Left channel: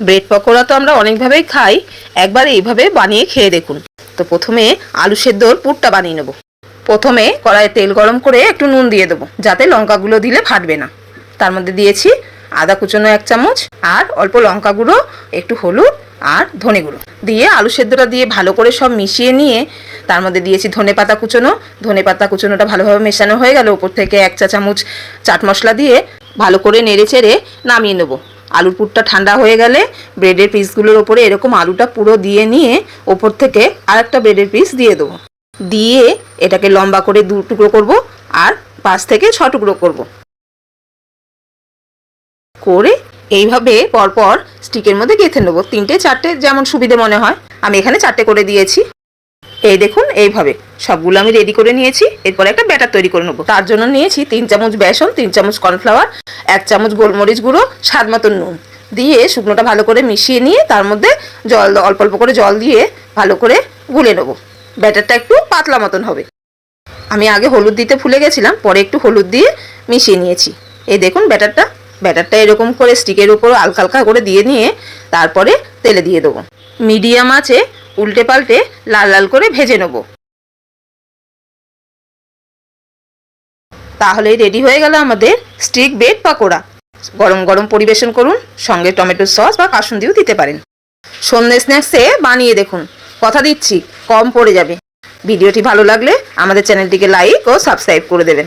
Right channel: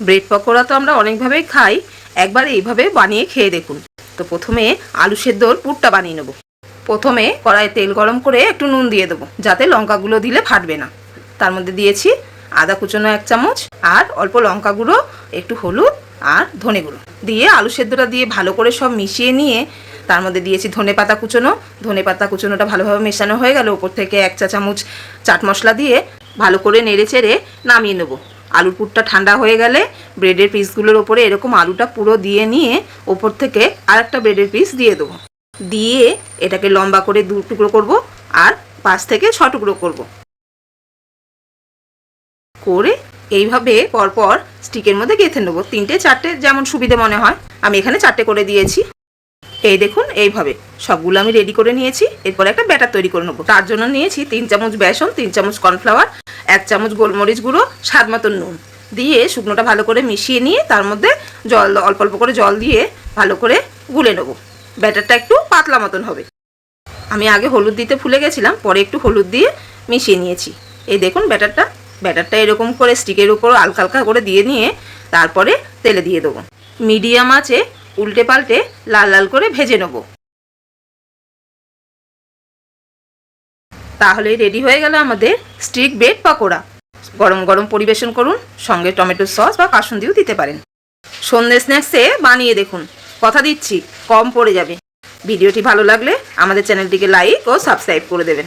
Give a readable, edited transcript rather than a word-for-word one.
Bread pakora তো আমরা অনেকভাবেই খাই, একবার এইভাবে বানিয়ে খেয়ে দেখুন। তো প্রথমে আলু সেদ্ধর পুরটা বানিয়ে নেব। প্রথমে কড়াইয়ে তেল গরম করে একটু নুন দিয়ে দেবো, যাতে লঙ্কাগুলো দিলে ফাটবে না। তার মধ্যে দিয়েছি আদা কুচনো 1 চামচ, আর অল্প লঙ্কা গুঁড়ো, একটু হলুদ আর ধনে গুঁড়ো দিয়ে আলু সেদ্ধটা দিয়ে ভালো করে সব মিশিয়ে নিয়ে তার মধ্যে দিয়েছি ধনেপাতা কুচনো। ধনেপাতা কুচনোটা ভালোভাবে মেশানো হয়ে গেল, ওপর থেকে 1 চা চামচ চাট মশলা দিয়ে ভালো করে নেড়ে চেড়ে নামিয়ে নেবো। আলুর পুরটা ঠান্ডা হয়ে গেলে ব্রেডের পিসগুলোর ওপরে এরকম আলুটা পুরো দিয়ে নিয়ে ওপর থেকে আরেকটা ব্রেডের পিস দিয়ে দেবো। দিয়ে এটাকে লম্বা করে 2 টুকরো করব আর 5 থেকে 6 টুকরো করব। করে এইভাবে পরপর স্টিকের মধ্যে গেঁথে নেবো, 3টে 4টে যেমন সুবিধে মনে হয়। আমি এখানে 4টে করে দিয়েছি। এই দেখুন, এইভাবে সবগুলো আমি রেডি করে নিয়েছি। এরপর একটা ব্যাটার তৈরি করে নেবো। তার জন্য নিয়েছি 3 চামচ বেসন, 3 চামচ কর্নফ্লাওয়ার, 1 চামচ গোলমরিচ গুঁড়ো, স্বাদ মতো নুন দিয়ে শুকনোটা ভালো করে মিশিয়ে নিয়ে তার মধ্যে জল অল্প অল্প করে জল দিয়ে ভালো করে গুলে নেবো। ব্যাটারটা একটু পাতলা মতন হবে। আমি আগে হলুদ দিতে ভুলে গেছিলাম, পরে একটু হলুদ দিয়ে মিশিয়ে নিয়েছি। এই দেখুন ব্যাটারটা এরকম করে স্টিকের উপর হালকা হালকা করে দিয়ে নিয়ে তারপরে তেলে দিয়ে দেবো। মিডিয়াম আঁচে উল্টে পাল্টে লাল লাল করে ভেজে নেব। তাহলেই রেডি হয়ে গেল আমাদের স্টিক ব্রেড পকোড়া। গরম গরম পরিবেশন করুন, সঙ্গে টমেটো সস বা কাসুন্দিও দিতে পারেন। সন্ধ্যে স্ন্যাক্সে বানিয়ে দেখুন, কথা দিচ্ছি কম পড়ে যাবে। ভিডিওটি ভালো লাগলে আমাদের চ্যানেলটিকে লাইক ও সাবস্ক্রাইব করে দেবেন।